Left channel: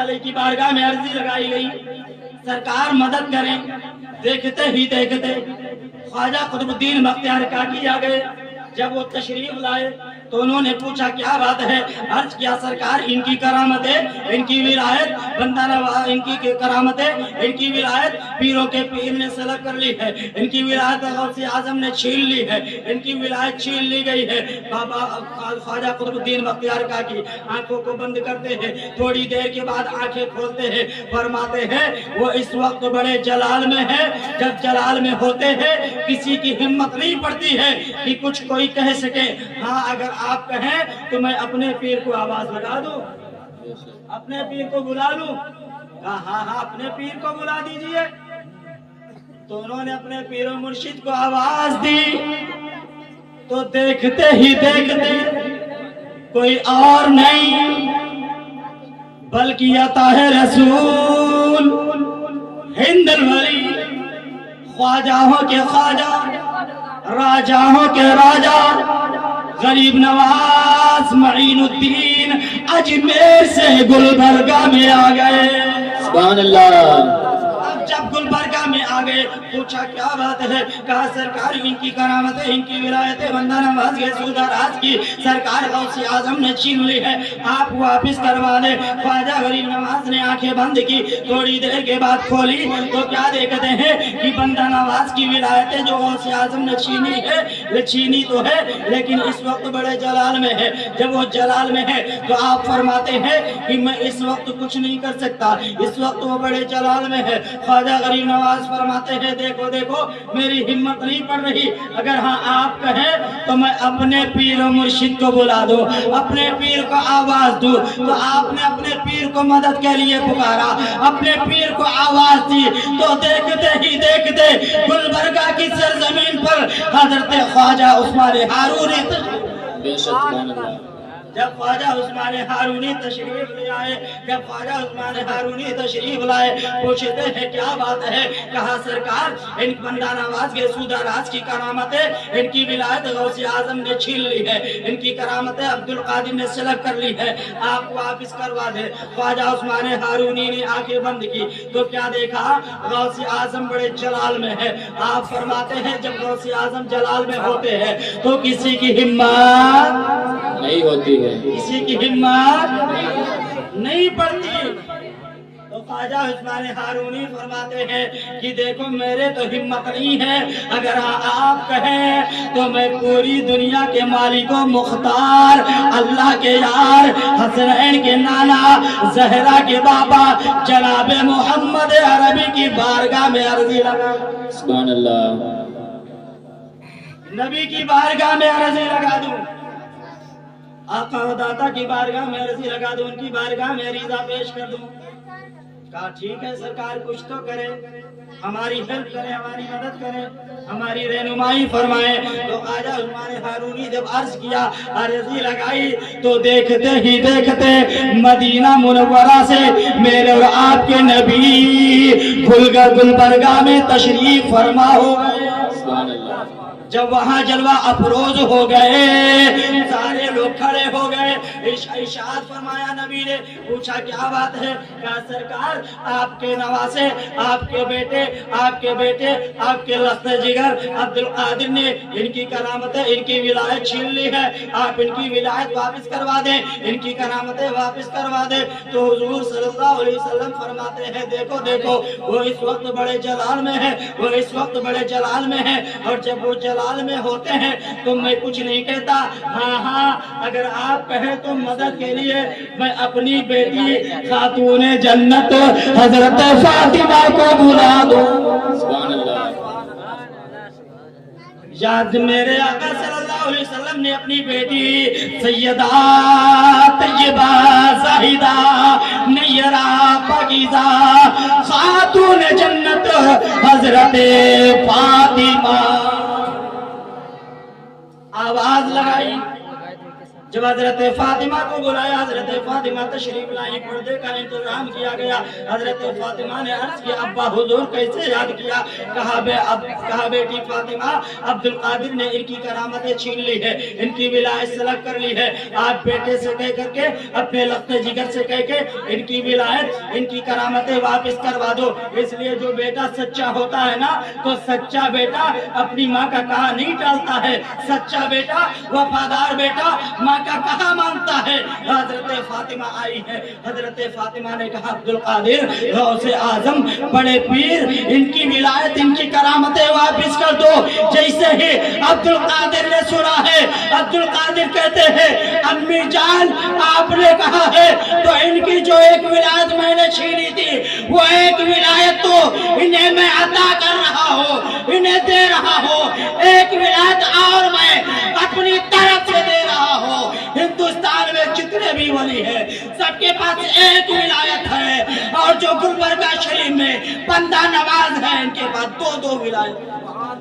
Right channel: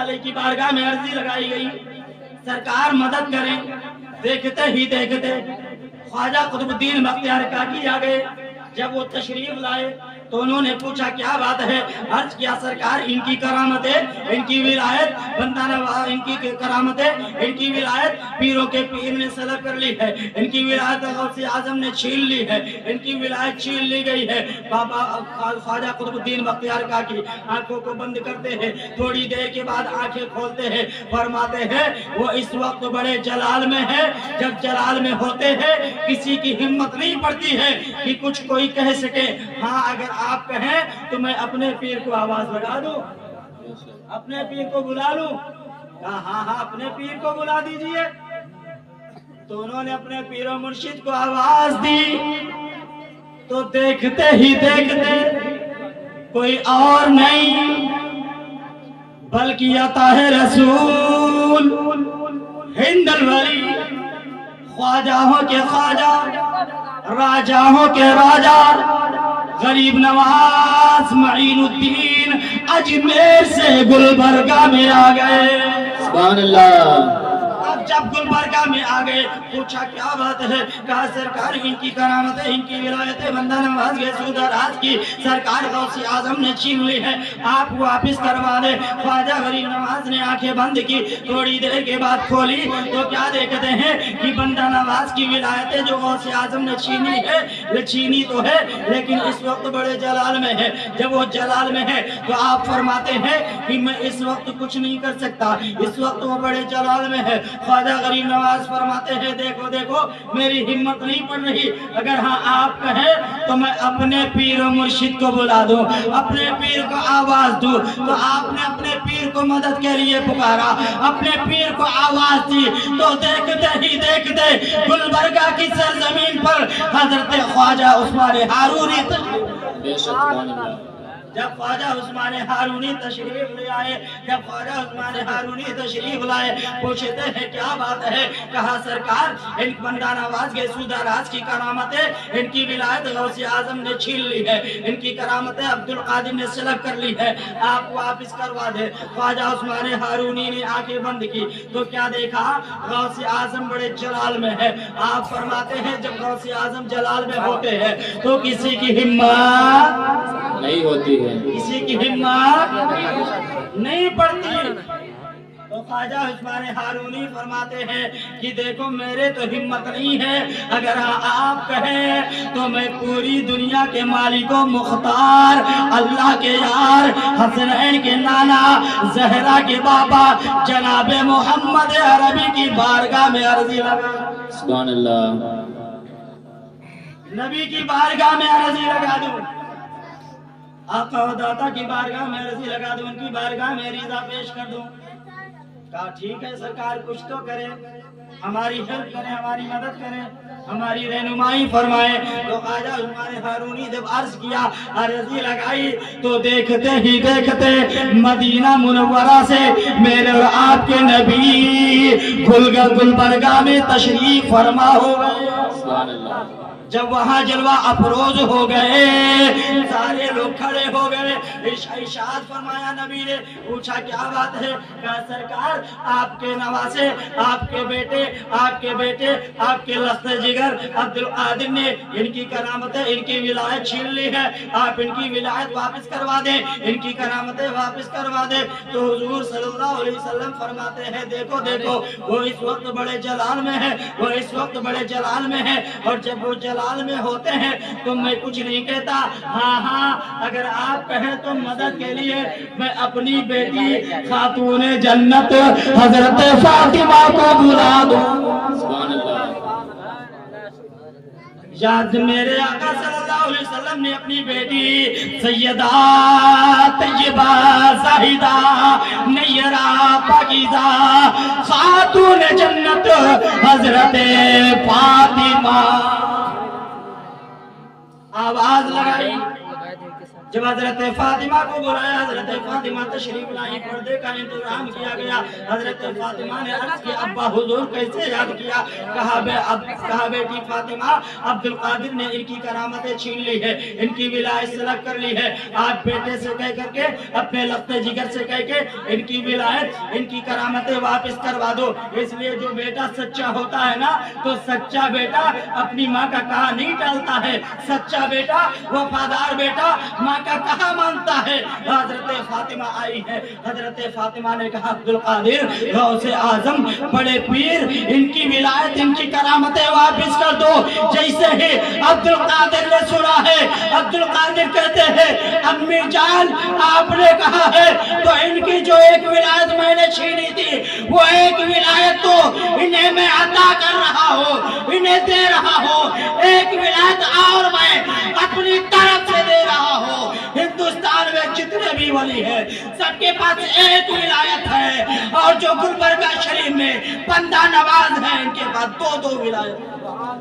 علیہ کی بارگاہ میں عرضی لگائی گئی سرکار مدد کریں. دیکھتے ہی دیکھتے خواجہ قطب الدین بختیار کاکی آ گئے. جب وہ تشریف لائے تو انہوں نے پوچھا کیا بات ہے. عرض کیا سرکار ان کی کرامتیں ان کی ولایت بندہ نواز ان کی کرامتیں ان کی ولایت پیروں کے پیر نے سلب کر لی ہے. ان کی ولایت غوث اعظم نے چھین لی ہے. ان کی ولایت چھین لی گئی ہے. بابا خواجہ قطب الدین بختیار کاکی آنکھوں کو بند کرتے ہیں. تھوڑی دیر کے بعد آنکھیں کھولتے ہیں. فرماتے ہیں وہ اس وقت بڑے جلال میں ہے. جب جلال میں ہوتے ہیں کسی کی ہمت نہیں پڑتی ہے کہ کچھ کوئی کہہ سکے. ہاں اگر آپ کہیں تو میں اپنے پیر کو آواز لگا دوں, اپنے پیر کو بلا لوں. کہا ہاں ہاں اپنے پیر کو بلا دیجئے. تو انہوں نے اپنے پیر و مرشد کو آواز دی تو دیکھتے ہی دیکھتے کوئی اور نہیں بلکہ عطا ہے رسول ہند الولی, خواجہوں کے خواجہ راجاؤں کے راجا غریب نواز معین الدین اجمیر سے گلبرگہ میں آ گئے. سبحان اللہ. اب جب گلبرگہ میں آ گئے پوچھا کیا بات ہے. کہا سرکار ان کی کرامتیں ان کی ولایتیں بندہ نواز کے سودہ راز کی سرکار غوث اعظم نے چھین لی ہے, آپ واپس کروا لے. خواجہ غریب نواز نے آنکھیں بند کی. تھوڑی دیر کے بعد کھولی تو کیا دیکھتے ہیں کہ بندہ نواز کی ولایتیں جو غوث اعظم نے چھینی ہے چھینی تو ہے لیکن اس وقت بڑے جلال میں ہے. جب وہ جلال میں ہے تو آپ فرماتے ہیں کہ میں اس وقت کچھ نہیں کر سکتا, اس وقت وہ بڑے جلال میں ہے. خواجہ غریب نواز فرماتے ہیں دیکھو دیکھو میری ہمت نہیں پڑ رہی. اگر ہاں آپ کہیں تو میں اپنے پیر و مرشد کو بلا دوں, اپنے پیر کو آواز دوں. تو آپ نے اپنے پیر کو مدد کے لیے پکارا, اپنے پیر کو آواز دی تو دیکھتے ہی دیکھتے گلبرگہ کی سرزمین پر حضرت خواجہ عثمان ہارونی بے شک. سبحان اللہ. جب خواجہ عثمان ہارونی تشریف لے آئے, جب خواجہ عثمان ہارونی تشریف لائے پوچھتے ہیں کیا بات ہے. کہا سرکار ان بندہ نواز کے سودہ راز کی کرامتیں ان کی ولایت غوث اعظم نے چھین لی ہے. ان کی کرامتیں عبد القادر نے سلب کر لی ہے, آپ واپس کروا دے. خواجہ عثمان ہارونی نے آنکھیں بند کی تو کیا دیکھا غوث اعظم بڑے جلال میں ہے. آپ فرماتے ہیں جب غوث اعظم جلال میں ہوتے ہیں تو کسی کی ہمت نہیں ہوتی ہے, کسی کی ہمت نہیں پڑتی. تو خواجہ عثمان ہارونی فرماتے ہیں کہ دیکھو میرے تو ہمت نہیں ہے, اگر آپ کہیں تو میں پوری دنیا کے مالک و مختار اللہ کے یار حسنین کے نانا زہرا کے بابا جناب محمد عربی کی بارگاہ میں عرضی لگا. سبحان اللہ. نبی کی بارگاہ میں عرضی لگا دوں, آقا و داتا کی بارگاہ میں عرضی لگا دوں, ان کی بارگاہ میں ریضہ پیش کر دوں. کہا ٹھیک ہے سرکار کچھ تو کرے, ہماری ہیلپ کریں, ہماری مدد کریں, ہماری رہنمائی فرمائیں. تو خواجہ عثمان ہارونی جب عرض کیا عرضی لگائی تو دیکھتے ہی دیکھتے مدینہ منورہ سے میرے اور آپ کے نبی گلبرگہ میں تشریف فرما ہو گئے. سبحان اللہ. جب وہاں جلوہ افروز ہو گئے سارے لوگ کھڑے ہو گئے. ارشاد فرمایا نبی نے پوچھا کیا بات ہے. کہا سرکار آپ کے نواسے آپ کے بیٹے آپ کے لخت جگر عبد القادر نے ان کی کرامتیں ان کی ولایت چھین لی ہے, آپ ان کی ولایت واپس کروا دیں, ان کی کرامتیں واپس کروا دیں. تو حضور صلی اللہ علیہ وسلم فرماتے ہیں دیکھو دیکھو وہ اس وقت بڑے جلال میں ہے, وہ اس وقت بڑے جلال میں ہے, اور جب وہ جلال میں ہوتے ہیں تو میں کچھ نہیں کہتا. ہاں ہاں اگر آپ کہیں تو مدد کے لیے میں اپنی بیٹی خاتون جنت حضرت فاطمہ کو بلا دوں. سبحان اللہ. یاد میرے آقا صلی اللہ علیہ وسلم نے اپنی بیٹی سیدہ طیبہ زاہدہ نیرہ پاکیزہ خاتون جنت حضرت فاطمہ آواز لگائی. जब हजरत फातिमा को बुलाया, हजरत फातिमा तशरीफ लाई, पर्दे का इंतजाम किया गया। हजरत फातिमा ने अर्ज किया, अब्बा हुजूर कैसे याद किया? कहा बेटी फातिमा, अब्दुल कादिर ने इनकी करामतें छीन ली है, इनकी विलायत सलग कर ली है। आज बेटे से कह करके, अपने लफ्ते जिगर से कह के इनकी विलायत, इनकी करामतें वापस करवा दो। इसलिए जो बेटा सच्चा होता है ना, तो सच्चा बेटा अपनी माँ का कहा नहीं टालता है। सच्चा बेटा, वफादार बेटा माँ का कहा मानता है। हजरत फातिमा आई है। हजरत फातिमा ने कहा, अब्दुल कादिर गौसे आजम, बड़े पीर, इनकी विलायत, इनकी करामतें वापस कर दो। जैसे ही अब्दुल कादिर ने सुना है, अब्दुल कादिर कहते हैं, अम्मी जान आपने कहा है तो इनकी जो एक विलायत मैंने छीनी थी, वो एक विलायत तो इन्हें मैं अता कर रहा हूँ, इन्हें दे रहा हूँ। एक विलायत और मैं अपनी तरफ से दे रहा हूँ। हिंदुस्तान में जितने भी वली है, सबके पास एक विलायत है। और जो गुलबर्गा शरीफ में बंदा नवाज है, इनके पास दो दो विलायत।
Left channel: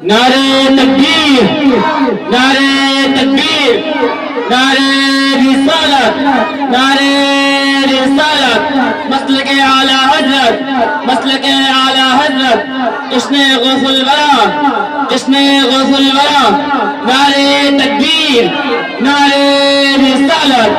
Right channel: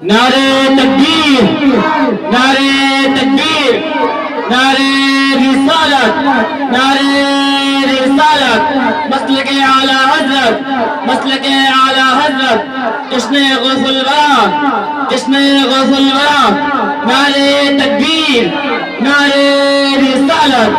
नारे तकबीर, नारे तकबीर, नारे रिसालत, नारे रिसालत, मसलके आला हजरत, मसलके आला हजरत, इसने गौसुल वरा, इसने गौसुल वरा। नारे तकबीर, नारे रिसालत।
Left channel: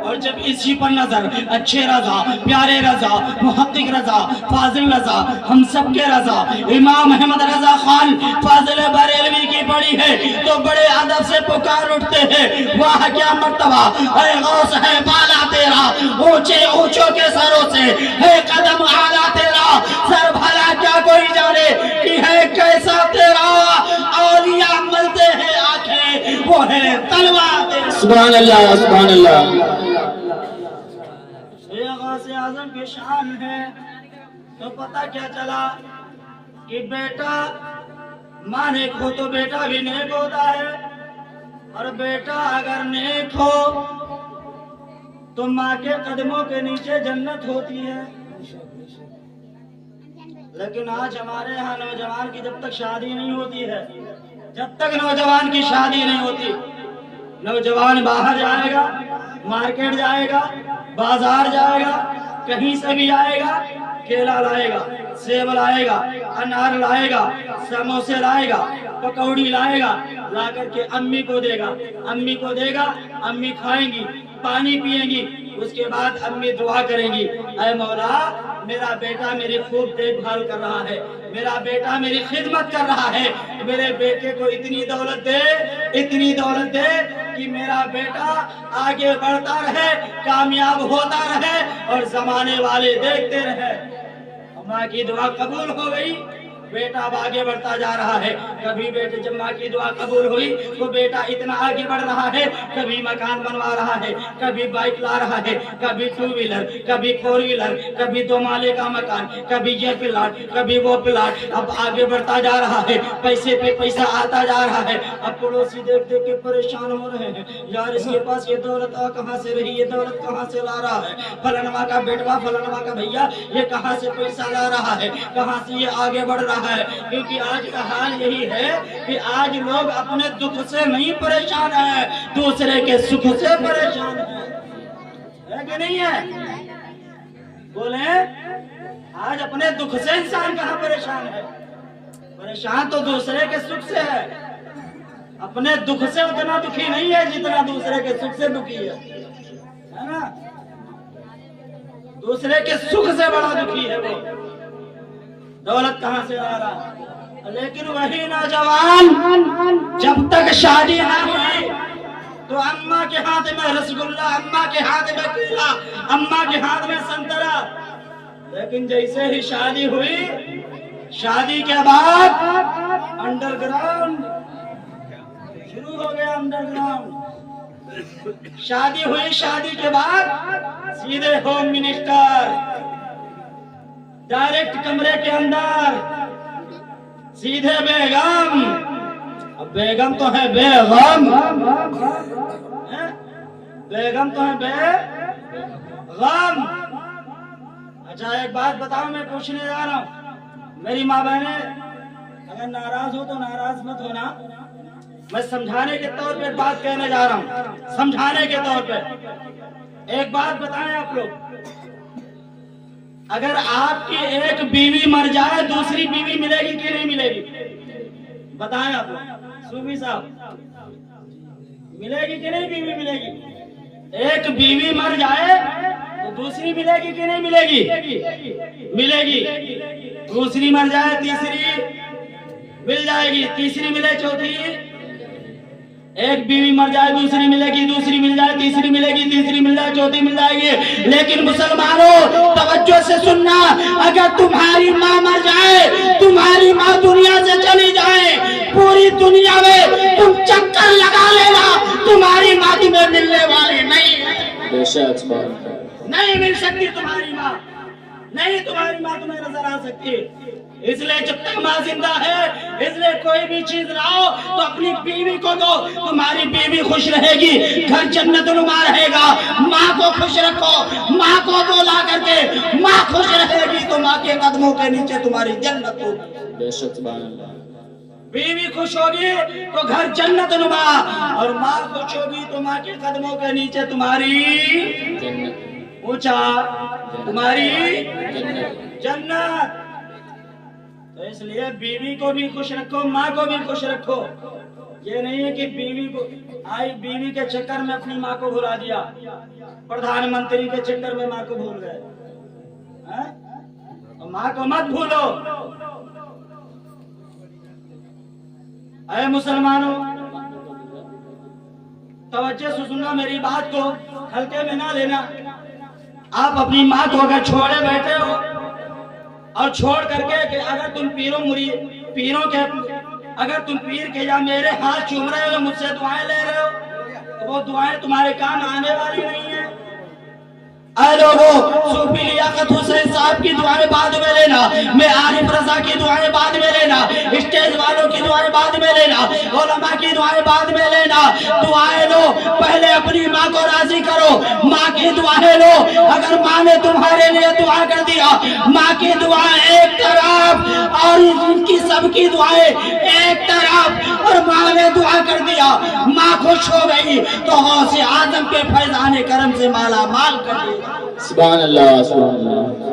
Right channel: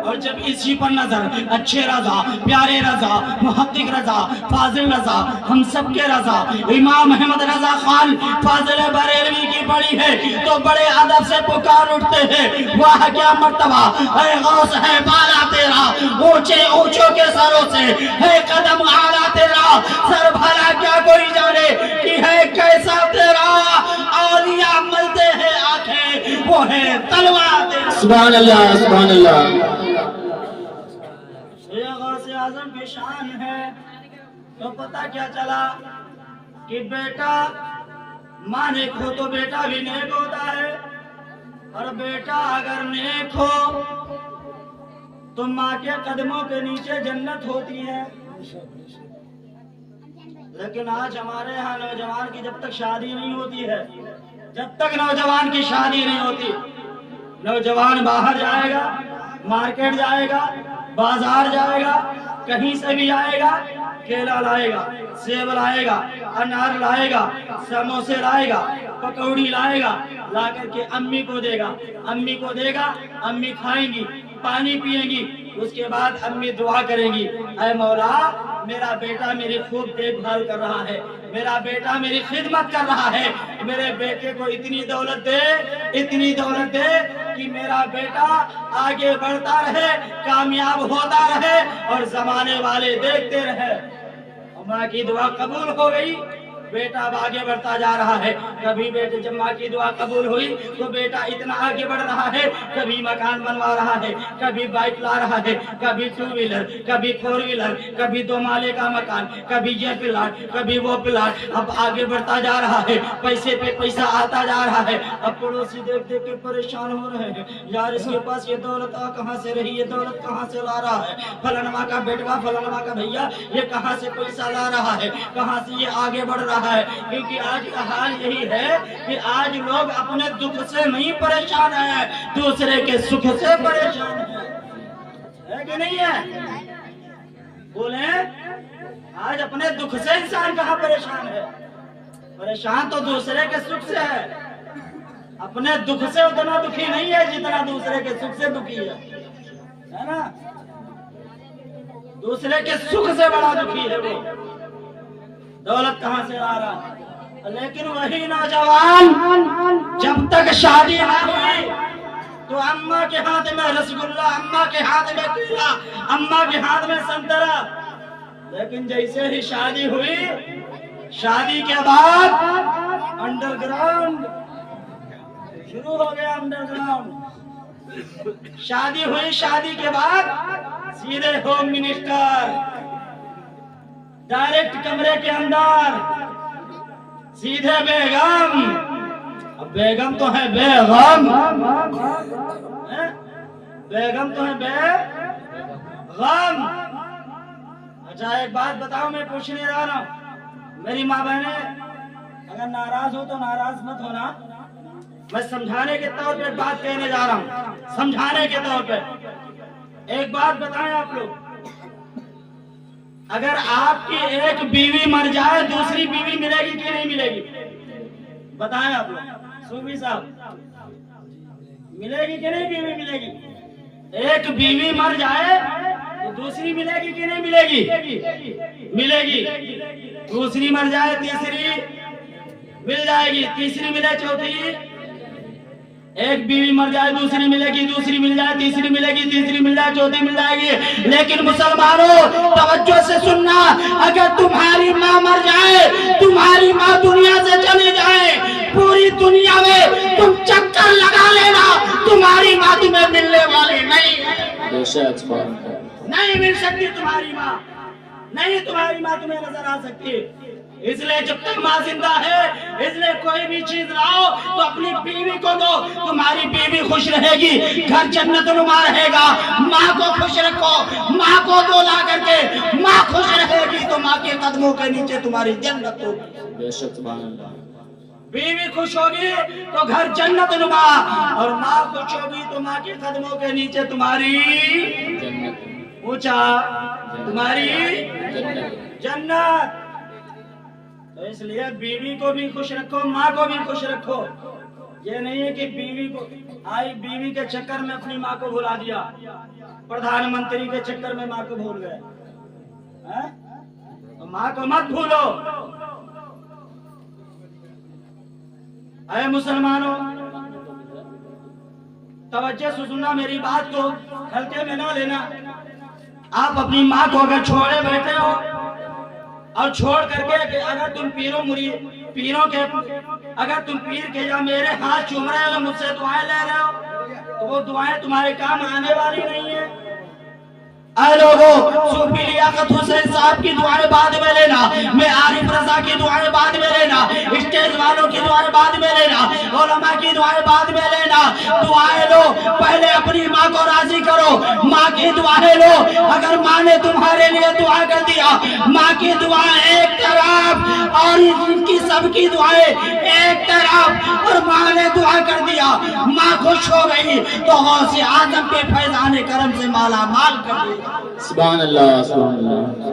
और जब इसी पर नजर, अच्छे रजा, प्यारे रजा, मुहक्किक रजा, फाजिल रजा, हम सब के रजा, इमाम अहमद रजा खान फाजिल बरेलवी की पड़ी है, तो बड़े अदब से पुकार उठते हैं, वाह क्या मर्तबा है, गौस है बाला तेरा, ऊंचे ऊंचों के सरों से है कदम आला तेरा, सर भला क्या कोई जाने कि है कैसा तेरा। औलिया मिलते हैं आंखें, वो है तलवार तेरा। सुभान अल्लाह, सुभान अल्लाह। गौसे आजम की शान है। तो पता क्या चला कि बेटा माँ नेक हो तो बेटा भी नेक होता है, और बेटा अगर नेक हो तो माँ के कदमों के नीचे जन्नत होती है। लेकिन आज हमारे यहाँ नौजवान की जब तक शादी नहीं होती है, जब तक नौजवान की शादी नहीं होती, नौजवान बाहर जाएगा, मार्केट जाएगा, बाजार जाएगा, कहीं से भी आएगा, केला लाएगा, सेब लाएगा, अनार लाएगा, समोसे लाएगा, पकौड़ी लाएगा, ला करके अम्मी को देगा, अम्मी को देगा, अम्मी खाएंगी, पानी पिएंगी, उसके बाद अम्मी दुआ करेंगी, ऐ मौला मेरा बेटा मेरी खूब देखभाल कर रहा है, मेरा बेटा मेरी खिदमत कर रहा है, मेरे बेटे को इतनी दौलत दे, इतनी दौलत दे कि मेरा बेटा आगे बढ़ता रहे, कामयाब होता रहे और जमाने वाले देखते रहे। माँ की दुआ कबूल हो गई, बेटा अब आगे बढ़ता जा रहा है। कभी बेटे जब माँ की दुआ कबूल हुई तो बेटा इतना आगे बढ़ रहा है, कभी मकान बनवा रहा है, कभी बाइक ला रहा है, कभी टू व्हीलर, कभी फोर व्हीलर, कभी दो माले का मकान, कभी ये प्लाट, कभी वो प्लाट। अब आगे बढ़ता जा रहा है, पैसे पे पैसा आता जा रहा है। अब पड़ोसी देख देख के परेशान हो रहे हैं, यार इसके पास ये दौलत कहाँ से रही, ये दौलत कहाँ से ला रहा है, फलानमा का बेटवा, फलानमा का भैया ये कहाँ से पैसा ला रहा है, कहाँ से ये आगे बढ़ रहा है। क्योंकि आज का हाल यही है कि आज लोग अपने दुख से नहीं परेशान है, दूसरे के सुख से परेशान है कि नहीं है? बोले आज अपने दुख से इंसान कहाँ परेशान है? परेशान तो दूसरे के सुख से है। अपने दुख से उतना दुखी नहीं है जितना दूसरे के सुख से दुखी है ना? दूसरे के सुख से बड़ा दुखी है वो। दौलत कहाँ से आ रहा? लेकिन वही नौजवान जब तक शादी ना हुई तो अम्मा के हाथ में रसगुल्ला, अम्मा के हाथ में केला, अम्मा के हाथ में संतरा। लेकिन जैसे ही शादी हुई, शादी के बाद अंडरग्राउंड शुरू हो गया। अंडरग्राउंड शादी हुई, शादी के बाद सीधे होम मिनिस्टर, डायरेक्ट कमरे के अंदर, सीधे बेगम। अब बेगम तो है बेगम, बेगम तो है बेगम। अच्छा एक बात बताओ, मैं पूछने जा रहा हूँ, मेरी माँ बहने अगर नाराज हो तो नाराज मत होना, میں سمجھانے کے طور پہ ایک بات کہنے جا رہا ہوں، سمجھانے کے طور پہ ایک بات بتائیں آپ لوگ، اگر آپ کی ایک بیوی مر جائے دوسری بیوی ملے گی کہ نہیں ملے گی؟ بتائیں آپ لوگ، صوفی صاحب، ملے گی کہ نہیں بیوی ملے گی؟ ایک بیوی مر جائے تو دوسری ملے گی کہ نہیں ملے گی؟ ملے گی۔ دوسری مر جائے تیسری مل جائے گی، تیسری ملے چوتھی، ایک بیوی مر جائے دوسری ملے گی، دوسری مل جائے تیسری ملے گی، تیسری مل جائے چوتھی مل جائے گی۔ لیکن مسلمانوں توجہ سے سننا، اگر تمہاری ماں مر جائے، تمہاری ماں دنیا سے چلی جائے، پوری دنیا میں تم چکر لگا لینا، تمہاری ماں تمہیں ملنے والی نہیں ہے، نہیں مل سکتی تمہاری ماں، نہیں تمہاری ماں تمہیں نظر آ سکتی۔ اس لیے جب تک ماں زندہ ہے، اس لیے کوئی بھی چیز لاؤ تو اپنی بیوی کو دو، تمہاری بیوی خوش رہے گی، گھر جنت نما رہے گا۔ ماں کو خوش رکھو، ماں کو دو لا کر کے، ماں خوش رہے گی تو ماں کے قدموں کے نیچے تمہاری جنت ہوگی۔ بے شک، سبحان اللہ۔ بیوی خوش ہوگی تو گھر جنت نما، اور ماں خوش ہوگی تو ماں کے قدموں کے نیچے تمہاری جنت، اونچا، تمہاری جنت۔ تو اس لیے بیوی کو بھی خوش رکھو، ماں کو بھی خوش رکھو۔ یہ نہیں ہے کہ بیوی کو آئی، بیوی کے چکر میں اپنی ماں کو بھلا دیا، پردھان منتری کے چکر میں ماں کو بھول گئے۔ تو ماں کو مت بھولو۔ اے مسلمانوں توجہ سے سننا میری بات کو، ہلکے میں نہ لینا۔ آپ اپنی ماں کو اگر چھوڑے بیٹھے ہو اور چھوڑ کر کے کہ اگر تم پیروں کے اگر تم پیر کے یا میرے ہاتھ چوم رہے ہو، مجھ سے دعائیں لے رہے ہو، تو وہ دعائیں تمہارے کام آنے والی نہیں ہیں۔ اے لوگوں، صوفی لیاقت حسین صاحب کی دعائیں بعد میں لینا، میں عارف رضا کی دعائیں بعد میں لینا، اسٹیج والوں کی دعائیں بعد میں لینا، علماء کی دعائیں بعد میں لینا۔ دعائیں لو، پہلے اپنی ماں کو راضی کرو، ماں کی دعائیں لو۔ اگر ماں نے تمہارے لیے دعا کر دیا، ماں کی دعا ایک طرف اور ان کی سب کی دعائیں ایک طرف، اور ماں نے دعا کر دیا، ماں خوش ہو گئی تو غوث اعظم کے فیضان کرم سے مالا مال کر دیا۔ سبحان اللہ، سبحان اللہ۔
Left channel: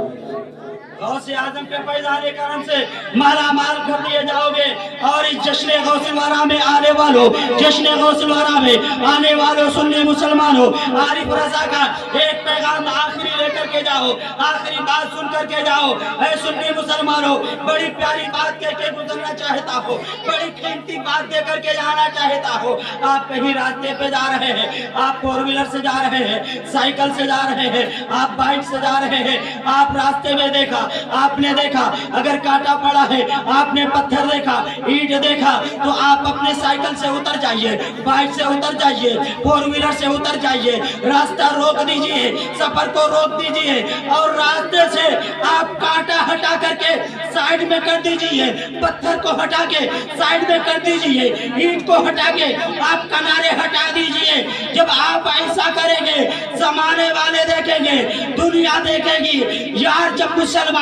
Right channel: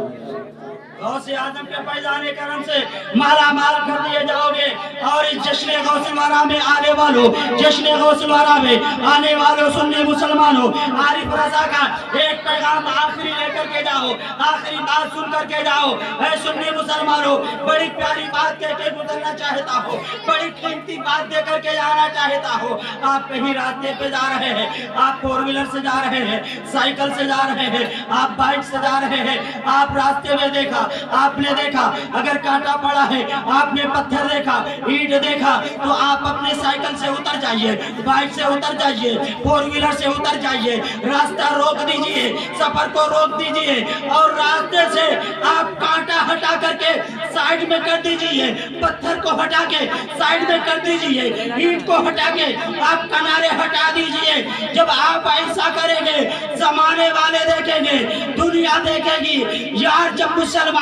غوث اعظم کے فیضان کرم سے مالا مال کر دیے جاؤ گے۔ اور اس جشن غوث ورا میں آنے والوں، جشن غوث ورا میں آنے والوں سننے مسلمانوں، عارف رضا کا ایک پیغام آخری لے کر کے جاؤ، آخری بات سن کر کے جاؤ۔ اے سننے مسلمانوں، بڑی پیاری بات کہہ کے گزرنا چاہتا ہو، بڑی قیمتی بات دے کر کے جانا چاہتا ہو۔ آپ کہیں راستے پہ جا رہے ہیں، آپ فور ویلر سے جا رہے ہیں، سائیکل سے جا رہے ہیں، آپ بائک سے جا رہے ہیں، آپ راستے میں دیکھا، آپ نے دیکھا اگر کانٹا پڑا ہے، آپ نے پتھر دیکھا، اینٹ دیکھا، تو آپ اپنے سائیکل سے اتر جائیے، بائک سے اتر جائیے، فور ویلر سے اتر جائیے، راستہ روک دیجئے، سفر کو روک دیجئے، اور راستے سے آپ کانٹا ہٹا کر کے سائیڈ میں کر دیجئے، پتھر کو ہٹا کے سائیڈ میں کر دیجئے، اینٹ کو ہٹا کے آپ کنارے ہٹا دیجئے۔ جب آپ ایسا کریں گے، زمانے والے دیکھیں گے، دنیا دیکھے گی، یار جب مسلمان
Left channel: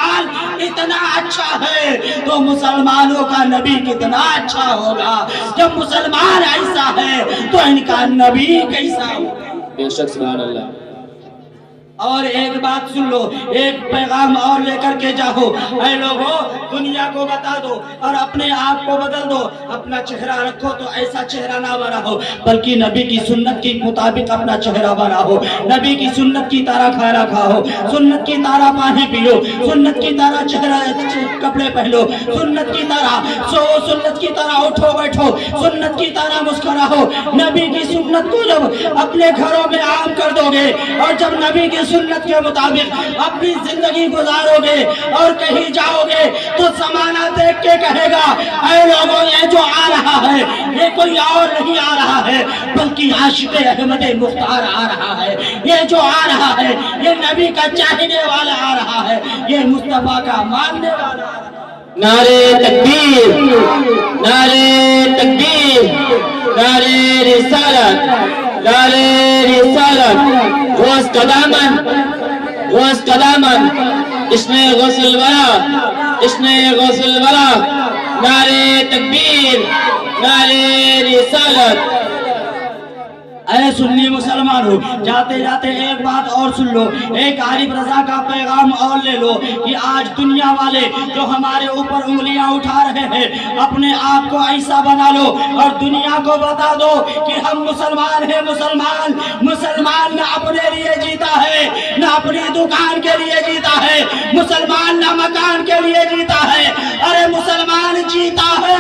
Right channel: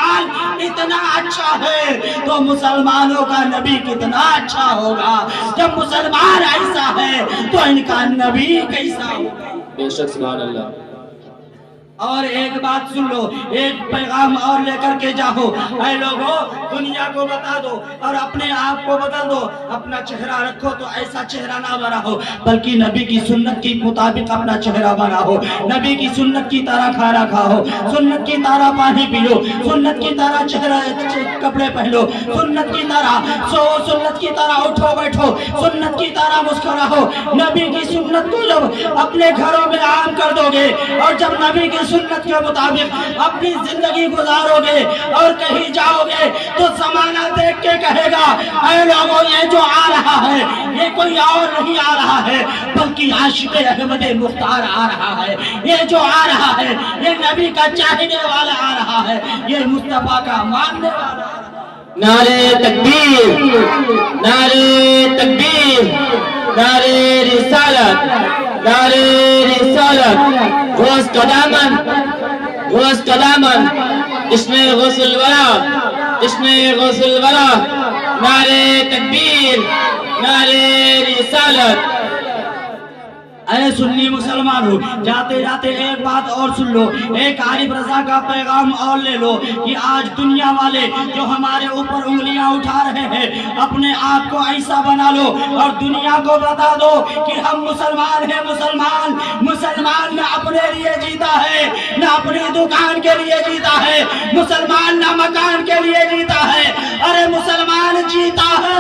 اتنا اچھا ہے تو مسلمانوں کا نبی کتنا اچھا ہوگا، جب مسلمان ایسا ہے تو ان کا نبی کیسا ہوگا۔ بے شک، سبحان اللہ۔ اور ایک بات سن لو، ایک پیغام اور لے کر کے جاؤ۔ اے لوگو، دنیا کو بتا دو اور اپنے آپ کو بدل دو، اپنا چہرہ رکھو تو ایسا چہرہ نہ بناؤ، بلکہ نبی کی سنت کے مطابق اپنا چہرہ بناؤ، نبی کی سنت کی طرح کھانا کھاؤ، سنت کی طرح پانی پیو، سنت کی طرح چہرہ کپڑے پہنو، سنت کی طرح سو، سنت کی طرح اٹھو بیٹھو، سنت کی طرح مسکراؤ۔ نبی کی سنت کو جب اپنے گھروں میں عام کر دو گے، اور جب نبی کی سنت کے مطابق اپنی زندگی گزارو گے اور کہیں جاؤ گے تو زمانہ دیکھ کے کہے گا، اے لوگوں، یہ جو آ رہا ہے یہ کوئی اور نہیں آ رہا ہے بلکہ عاشق احمد مختار آ رہا ہے، یہ جو آ رہا ہے یہ نبی کا چاہنے والا آ رہا ہے، یہ مصطفیٰ کا ماننے والا آ رہا ہے۔ نعرے تکبیر، نعرے تکبیر، نعرے رسالت، نعرے رسالت، غوث کا دامن، غوث کا دامن، اس نے غوث الورا، اس نے غوث الورا، نعرے تکبیر، नारे रिसालत। ऐ सुन्नी मुसलमान हो, जाते जाते एक बात और सुन लो, एक आरिफ रजा का पैगाम और ले लो कि आज दुनिया वाले जो हमारे ऊपर उंगलियां उठा रहे हैं, अपने आप को ऐसा बना लो और दुनिया को बता दो कि हम मुसलमान हैं। मुसलमान न अपने लिए जीता है, न अपनी दुकान के लिए जीता है, मुसलमान न मकान के लिए जीता है। अरे मुसलमान जीता है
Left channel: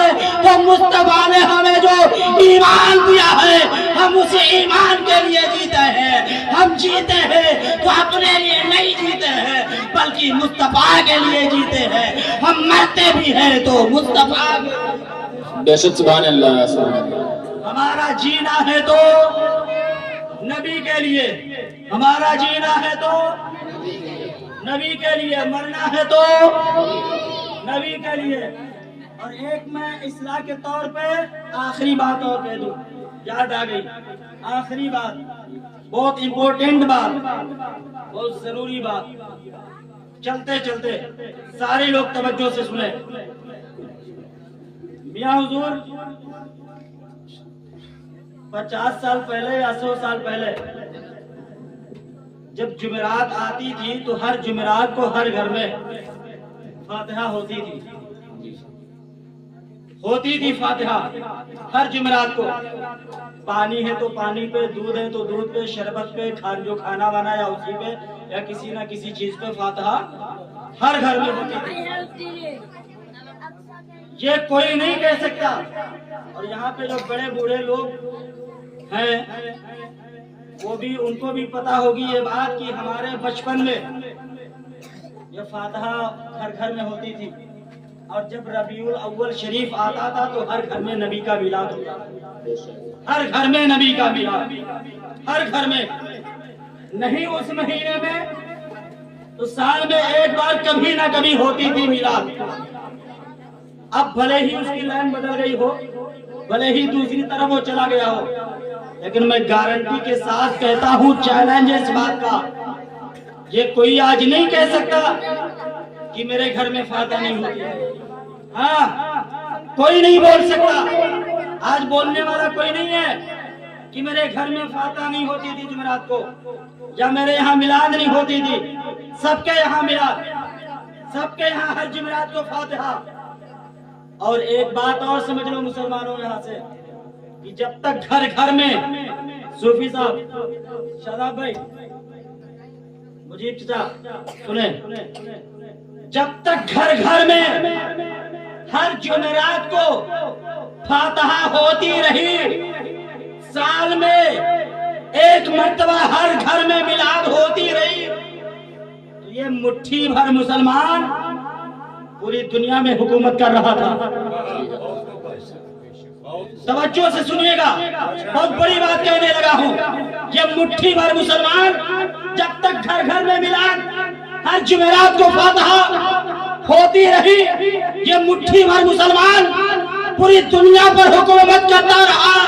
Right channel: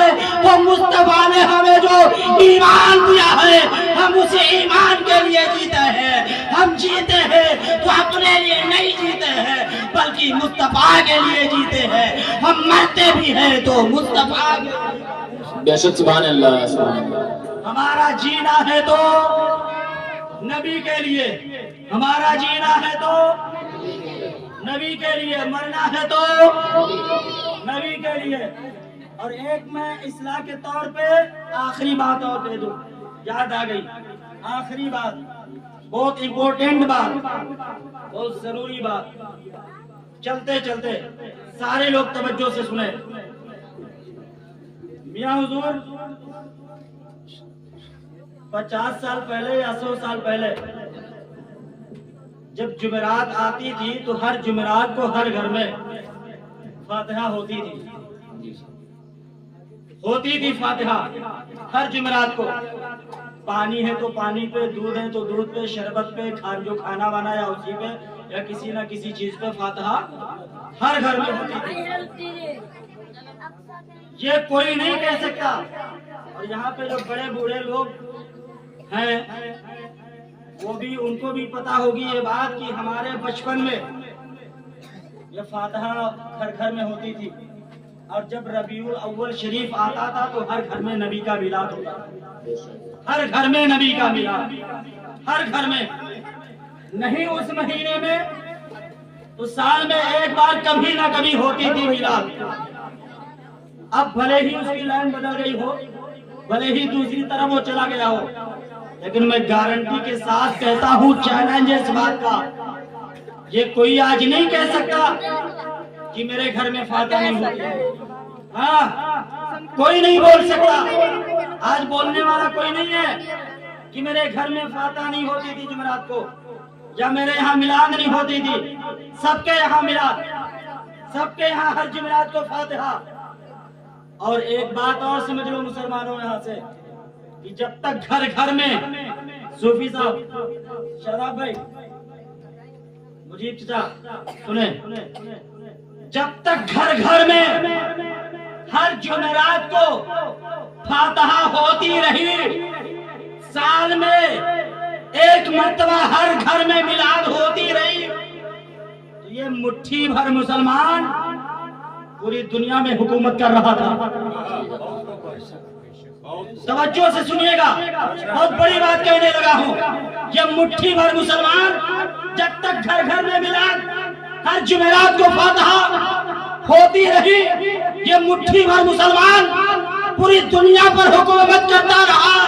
तो मुस्तफा ने हमें जो ईमान दिया है, हम उसे ईमान के लिए जीते हैं। हम जीते हैं तो अपने लिए नहीं जीते हैं, बल्कि मुस्तफा के लिए जीते हैं। हम मरते भी हैं तो मुस्तफा बेशक सुभान अल्लाह, सुभान अल्लाह। हमारा जीना है तो नबी के लिए, हमारा जीना है तो नबी के लिए, मरना है तो नबी के लिए। और एक मैं इस्लाह के तौर पे आखिरी बात और कह दूं, याद आ गई आखिरी बात, बहुत इम्पोर्टेंट बात, बहुत जरूरी बात। चलते चलते सारे लोग तवज्जो से सुने। मियां हुजूर 50 साल पहले या 100 साल पहले जब जुमेरात आती थी तो हर जुमेरात को हर घर में फातिहा होती थी फातिहा हर जुमेरात को। पानी है तो पानी पे, दूध है तो दूध पे, शरबत पे, जो खाना बनाया उसी पे, या किसी ना किसी चीज पे फातिहा हर घर में होती थी। ये कोई नहीं कह सकता। और यहाँ पे जो बड़े बूढ़े लोग हैं वो भी, उनको भी पता होगी ये बात कि हमारे बचपन में ये फातिहा हर घर में होती थी। और जब रबीउल अव्वल शरीफ आता था तो हर घर में नबी का मिलाद होता था। हर घर में नबी का मिलाद, हर घर में। नहीं उस महीने में तो साल में एक बार कभी ना कभी होती थी मिलाद। अब भले ही उसकी लाइन बदल गई हो, भले ही दूसरी तरफ वो चला गया हो, लेकिन मैं गारंटी के साथ कहता हूँ, चैलेंज है इस बात का, ये कोई आज नहीं कह सकता कि मेरे घर में फातिहा नहीं होती है। हाँ, कोई नहीं बोल सकता। आज बोलने वाला कोई नहीं है कि मेरे घर में फातिहा नहीं होती थी जुमेरात को, या मेरे यहाँ मिलाद नहीं होती थी। सबके यहाँ मिलाद, सबके यहाँ हर जुमेरात को फातिहा। और एक बात और समझ लो मुसलमानों यहाँ से, कि जब तक घर घर में, सूफी साहब, शादाब भाई, मुजीब चाचा सुने, जब तक घर घर में हर जुमेरात को फातिहा होती रही, साल में एक मर्तबा हर घर में मिलाद होती रही, तो ये मुट्ठी भर मुसलमान पूरी दुनिया में हुकूमत कर रहा था। तवज्जो से सुनिएगा, बहुत बड़ी बात कहने लगा हूँ। ये मुट्ठी भर मुसलमान जब तक घर घर में मिलाद, हर जुमेरात को फातिहा होती रही, ये मुट्ठी भर मुसलमान पूरी दुनिया पर हुकूमत करता रहा।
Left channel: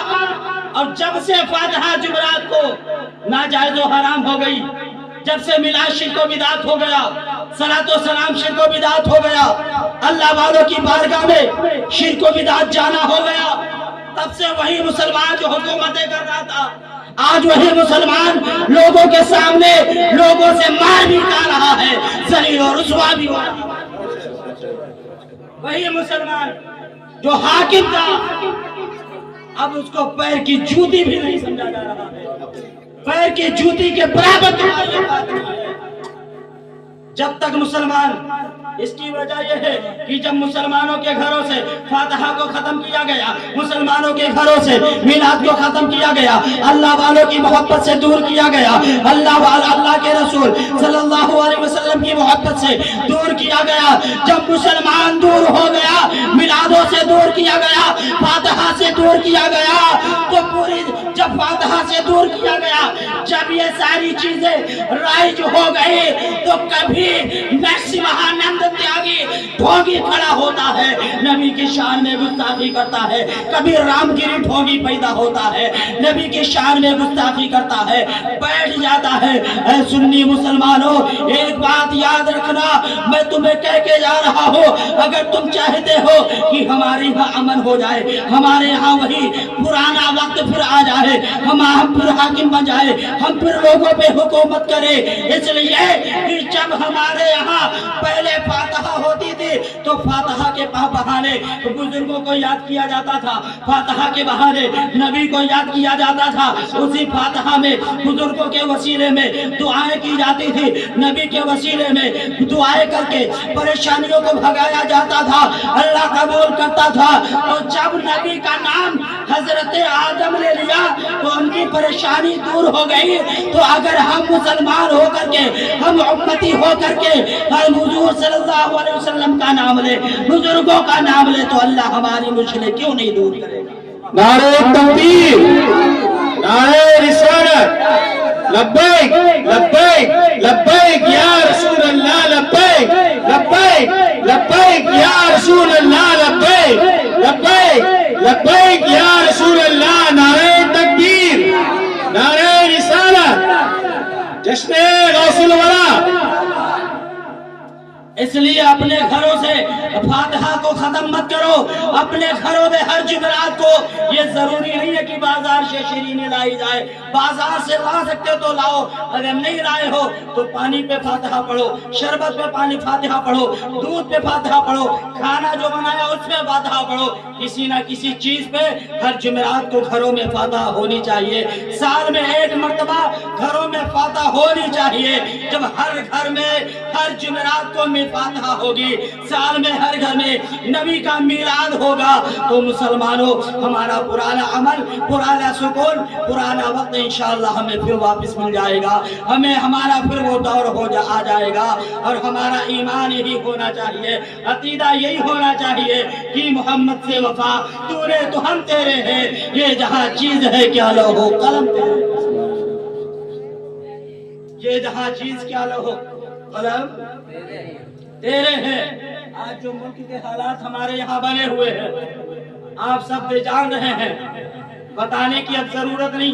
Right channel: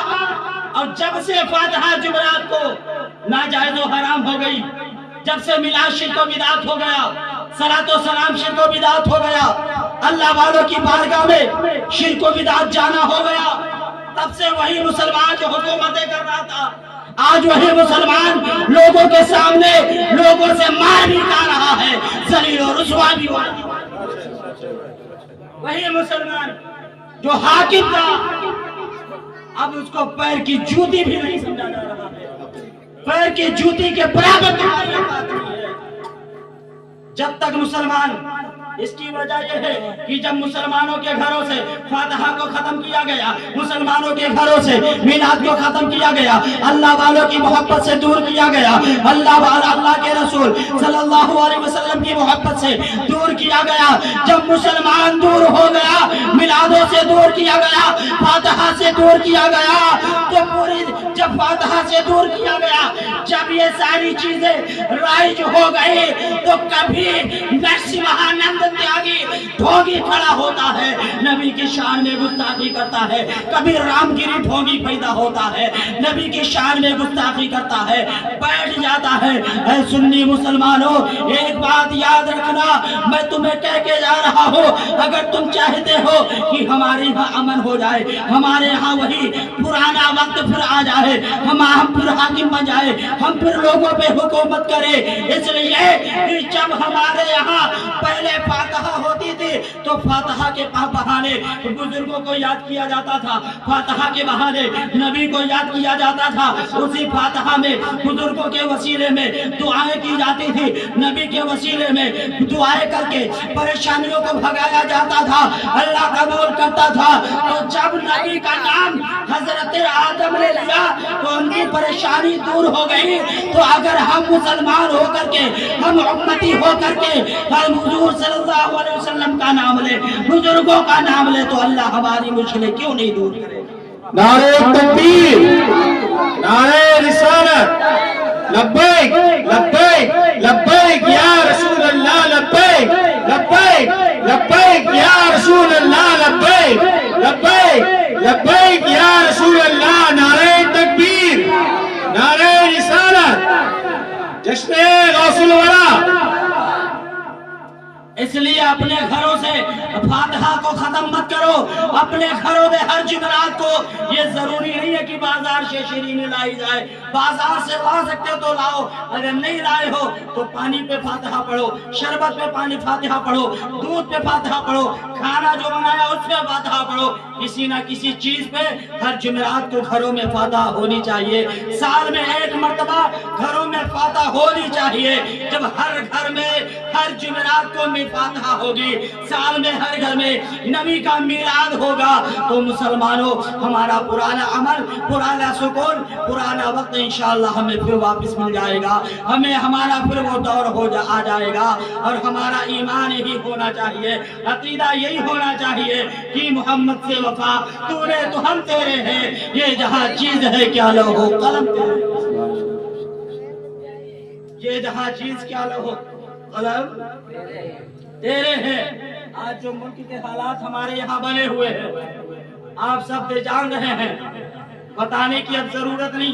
और जब से फातिहा जुमेरात को नाजायज और हराम हो गई, जब से मिलाद शिर्क व बिदात हो गया, सलातो सलाम शिर्क व बिदात हो गया, अल्लाह वालों की बारगाह में शिर्क व बिदात जाना हो गया, तब से वही मुसलमान जो हुकूमतें कर रहा था, आज वही मुसलमान लोगों के सामने लोगों से मार भी खा रहा है, जलील और रुसवा भी हो रहा है। वही मुसलमान जो हाकिम था, अब उसको पैर की जूती भी नहीं समझा जा रहा है, पैर की जूती के बराबर। जब तक मुसलमान, इसकी वजह यह है कि जब मुसलमानों के घरों से फातिहा को खत्म किया गया, मुसलमानों के घरों से मिलाद को खत्म किया गया, अल्लाह वालों की मोहब्बत से दूर किया गया, अल्लाह के रसूल सल्लल्लाहु अलैहि वसल्लम की मोहब्बत से दूर किया गया। जब मुसलमान दूर हो गया, मिलादों से दूर किया गया, फातिहा से दूर किया गया, तो पूरी जब फातिहा से दूर किया गया, जब ये सारी चीजें राइज हो गई, तो कभी नक्शबहानंद वचन त्यागी ढोंगी खड़ा होता है, नबी की शान में गुस्ताखी करता है, कभी रामगिरी ढोंगी पैदा होता है, नबी की शान में गुस्ताखी करता है, बैठ जाता है। ऐ सुन्नी मुसलमानों, एक बात याद रखना, मैं तुम्हें कह के जा रहा हूँ, अगर तुम चाहते हो कि हमारे यहाँ अमन हो जाए, हमारे यहाँ वही पुराना वक्त फिर आ जाए, हम फिर हाकिम बन जाए, हम फिर लोगों पे हुकूमत करें, इसलिए कि जब हमारे यहाँ पहले फातहा होती थी तो फातहा के बहाने बुजुर्गों को याद किया जाता था, फातहा के बहाने नबी को याद किया जाता था, उसी फातहा में बुजुर्गों के वसीले में दुआएं की जाती थी, नबी के वसीले में दुआएं करके परेशानियों को भगाया जाता था, अल्लाह कबूल करता था। तो जब नबी का नाम हजरत आदम ने लिया तो उनकी परेशानी दूर हो गई। तो अगर हम मुसलमान होकर के, हम उम्मती होकर के हम हुजूर सल्लल्लाहु अलैहि वसल्लम का नाम ले, बुजुर्गों का नाम ले, तो अल्लाह हमारी मुश्किलें क्यों नहीं दूर करेगा। नारे तकबीर, नारे रिसालत, लब्बैक लब्बैक लब्बैक या रसूल अल्लाह, लब्बैक लब्बैक लब्बैक या रसूल अल्लाह, लब्बैक लब्बैक लब्बैक या रसूल अल्लाह। नारे तकबीर, नारे रिसालत, जश्न गौसुल वरा। इसलिए अपने घरों से फातिहा को खत्म मत करो, अपने घरों में हर जुमेरात को, ये जरूरी नहीं है कि बाजार से शीरीनी लाई जाए, बाजार से ला सकते तो लाओ, अगर नहीं लाए हो तो पानी पे फातिहा पढ़ो, शरबत पे पानी फातिहा पढ़ो, दूध पे फातिहा पढ़ो, खाना जो बनाया उस पे फातिहा पढ़ो, किसी ना किसी चीज पे हर जुमेरात को घरों में फातिहा होनी चाहिए। साल में एक मर्तबा घरों में फातिहा होनी चाहिए। जब हर घर में हर जुमेरात को फातिहा होगी, साल में हर घर में नबी का मिलाद होगा, तो मुसलमानों हमारा पुराना अमल, पुराना सुकून, पुराना वक्त इंशाअल्लाह हमें फिर वापस मिल जाएगा, हमें हमारा फिर वो दौर आ जाएगा। और हमारा ईमान यही होना चाहिए, अकीदा यही होना चाहिए कि मोहम्मद से वफा, तूने तो हम तेरे हैं, ये जहां चीज है क्या लौहो कलम, ये जहां चीज क्या लौहो कलम तेरे हैं। आज जो मुल्क के हालात हमारे यहाँ बने हुए हैं, आप सब जान रहे हैं, बताने की अब जरूरत नहीं।